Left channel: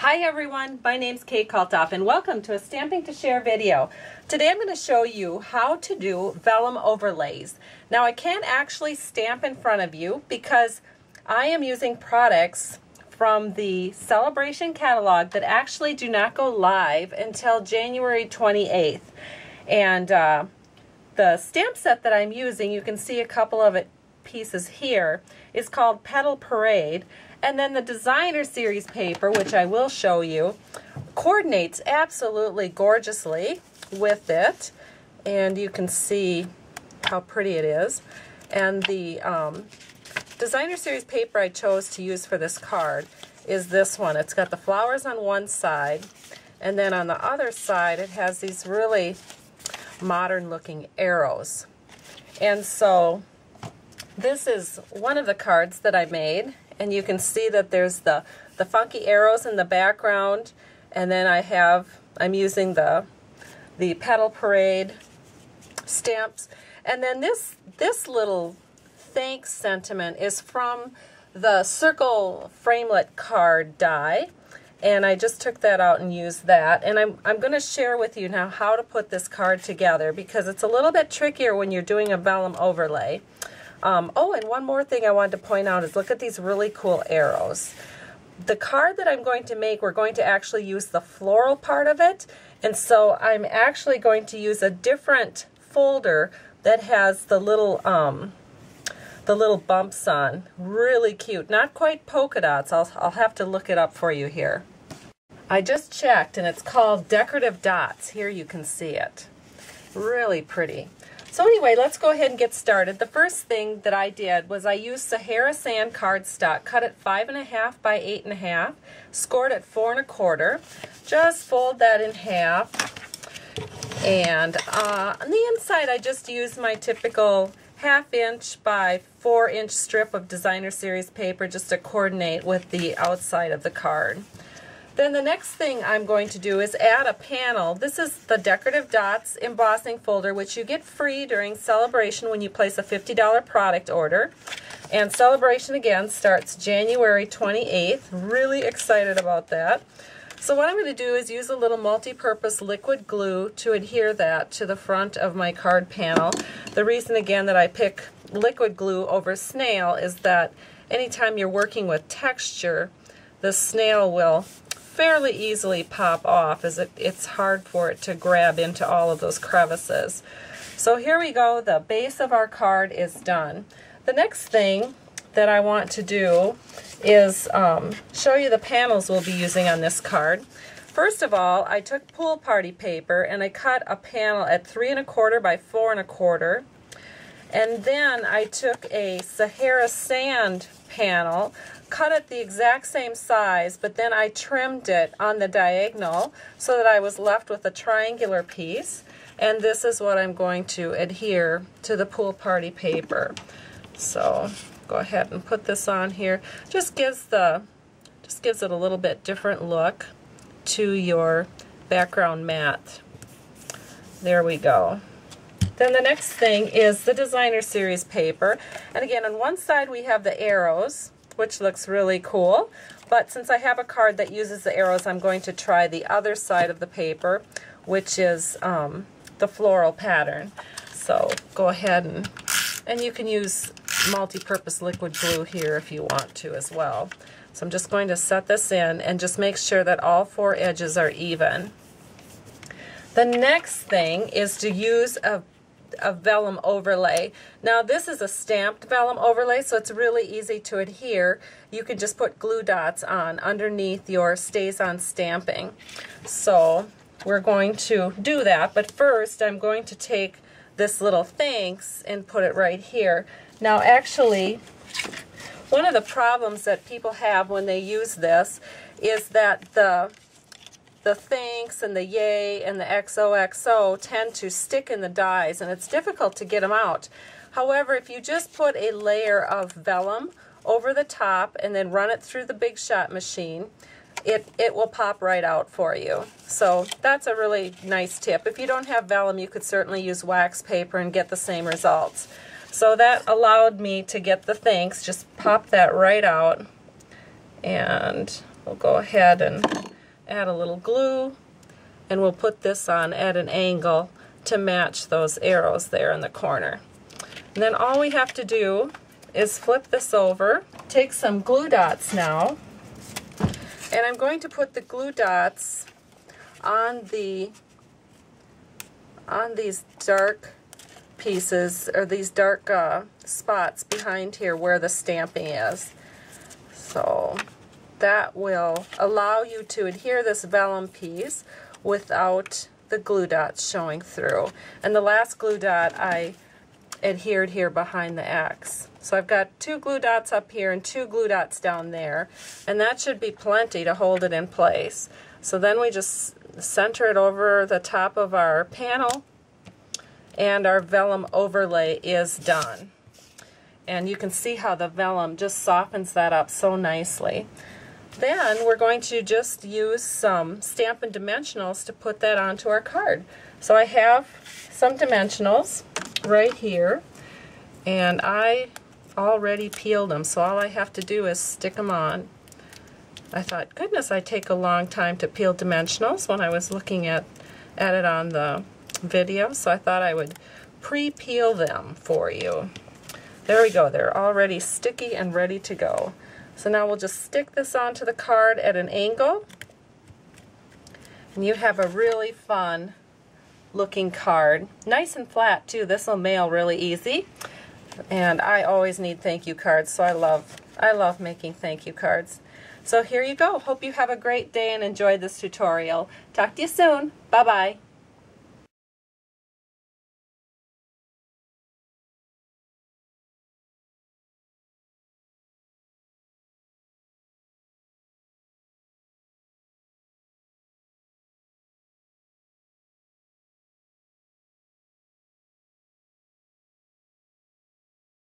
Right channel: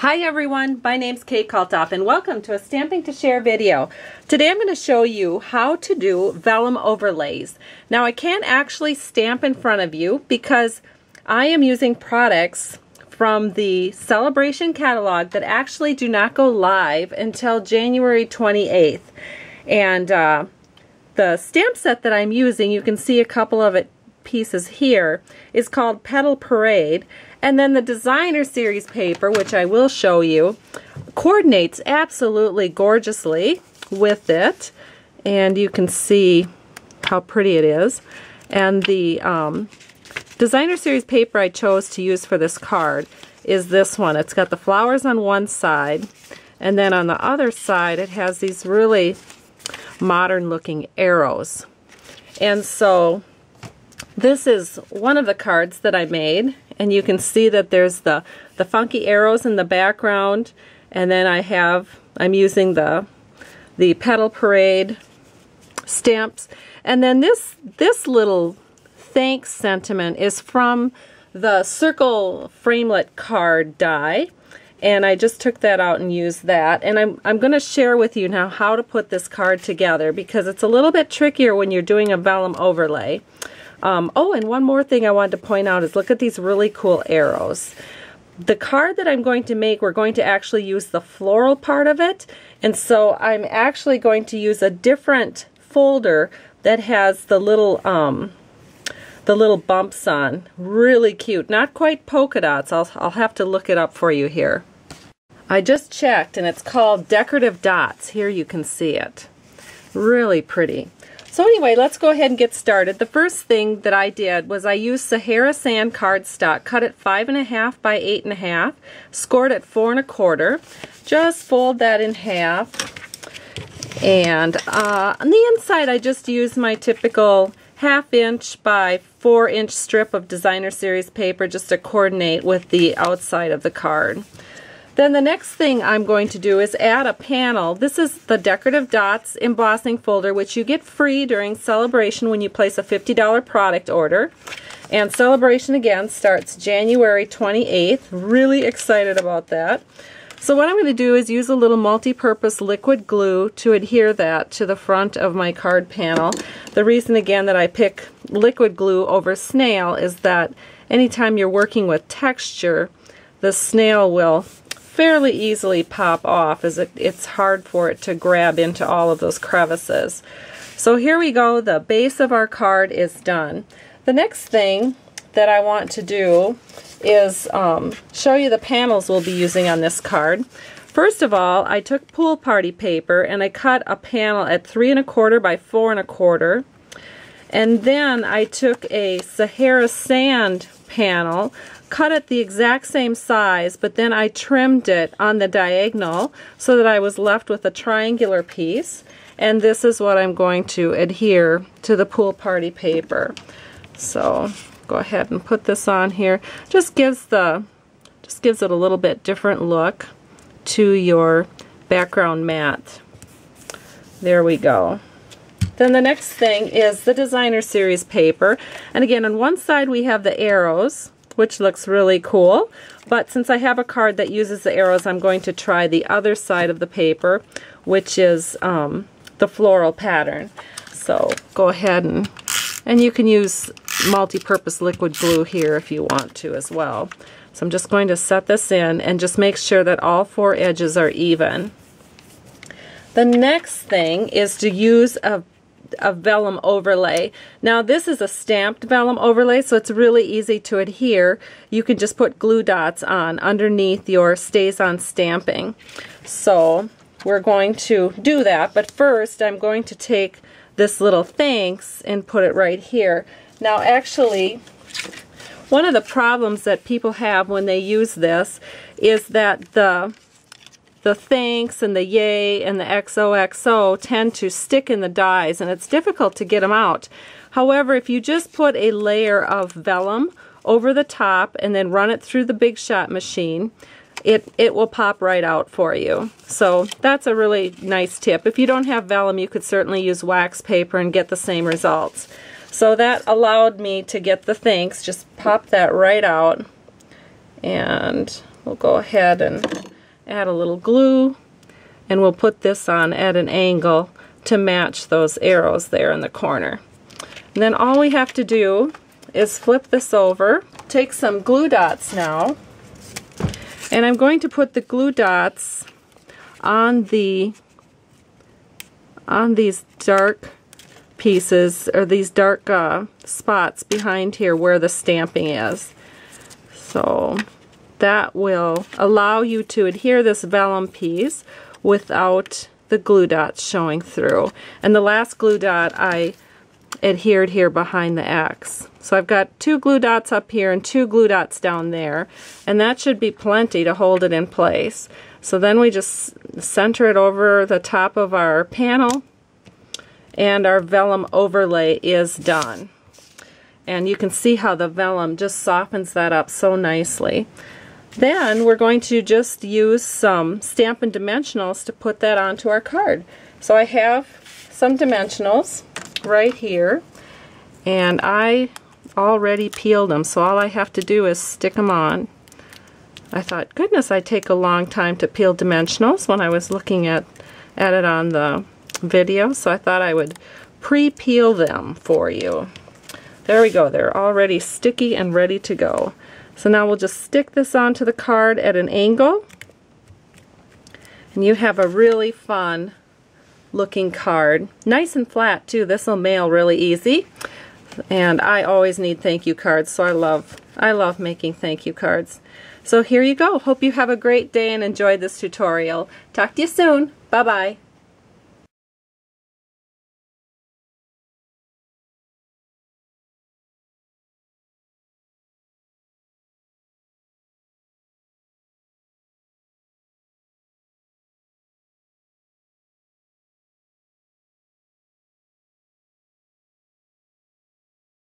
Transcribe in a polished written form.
Hi everyone, my name's Kate Kalthoff and welcome to a Stamping to Share video. Today I'm going to show you how to do vellum overlays. Now I can't actually stamp in front of you because I am using products from the Sale-a-bration catalog that actually do not go live until January 28th. And the stamp set that I'm using, you can see a couple of pieces here, is called Petal Parade. And then the designer series paper, which I will show you, coordinates absolutely gorgeously with it. And you can see how pretty it is. And the designer series paper I chose to use for this card is this one. It's got the flowers on one side, and then on the other side it has these really modern looking arrows. And so this is one of the cards that I made, and you can see that there's the funky arrows in the background, and then I'm using the Petal Parade stamps. And then this little thanks sentiment is from the circle framelit card die, and I just took that out and used that. And I'm going to share with you now how to put this card together because it's a little bit trickier when you're doing a vellum overlay. Oh, and one more thing I wanted to point out is look at these really cool arrows. The card that I'm going to make, we're going to actually use the floral part of it, and so I'm actually going to use a different folder that has the little bumps on. Really cute. Not quite polka dots. I'll have to look it up for you here. I just checked, and it's called Decorative Dots. Here you can see it. Really pretty. So anyway, let's go ahead and get started. The first thing that I did was I used Sahara Sand cardstock, cut it 5.5 by 8.5, scored it 4 1/4. Just fold that in half, and on the inside I just used my typical 1/2 inch by 4 inch strip of designer series paper just to coordinate with the outside of the card. Then the next thing I'm going to do is add a panel. This is the Decorative Dots embossing folder, which you get free during Sale-a-bration when you place a $50 product order. And Sale-a-bration again starts January 28th. Really excited about that. So what I'm going to do is use a little multi-purpose liquid glue to adhere that to the front of my card panel. The reason again that I pick liquid glue over snail is that anytime you're working with texture, the snail will fairly easily pop off as it's hard for it to grab into all of those crevices. So here we go, the base of our card is done. The next thing that I want to do is show you the panels we'll be using on this card. First of all, I took pool party paper and I cut a panel at 3 1/4 by 4 1/4. And then I took a Sahara Sand panel, cut it the exact same size, but then I trimmed it on the diagonal so that I was left with a triangular piece. And this is what I'm going to adhere to the pool party paper. So go ahead and put this on here. Just gives it a little bit different look to your background mat. There we go. Then the next thing is the designer series paper. And again, on one side we have the arrows, which looks really cool. But since I have a card that uses the arrows, I'm going to try the other side of the paper, which is the floral pattern. So go ahead and you can use multi-purpose liquid glue here if you want to as well. So I'm just going to set this in and just make sure that all 4 edges are even. The next thing is to use a vellum overlay. Now this is a stamped vellum overlay, so it's really easy to adhere. You can just put glue dots on underneath your Stays On stamping. So we're going to do that, but first I'm going to take this little thanks and put it right here. Now actually, one of the problems that people have when they use this is that the thanks and the yay and the XOXO tend to stick in the dies, and it's difficult to get them out. However, if you just put a layer of vellum over the top and then run it through the Big Shot machine, it will pop right out for you. So that's a really nice tip. If you don't have vellum, you could certainly use wax paper and get the same results. So that allowed me to get the thanks. Just pop that right out, and we'll go ahead and add a little glue, and we'll put this on at an angle to match those arrows there in the corner. And then all we have to do is flip this over, take some glue dots now, and I'm going to put the glue dots on these dark pieces, or these dark spots behind here where the stamping is. So that will allow you to adhere this vellum piece without the glue dots showing through. And the last glue dot I adhered here behind the X. So I've got 2 glue dots up here and 2 glue dots down there, and that should be plenty to hold it in place. So then we just center it over the top of our panel, and our vellum overlay is done. And you can see how the vellum just softens that up so nicely. Then we're going to just use some Stampin' Dimensionals to put that onto our card. So I have some dimensionals right here, and I already peeled them, so all I have to do is stick them on. I thought, goodness, I take a long time to peel dimensionals when I was looking at it on the video, so I thought I would pre-peel them for you. There we go, they're already sticky and ready to go. So now we'll just stick this onto the card at an angle, and you have a really fun looking card. Nice and flat too. This will mail really easy, and I always need thank you cards, so I love making thank you cards. So here you go. Hope you have a great day and enjoyed this tutorial. Talk to you soon. Bye bye.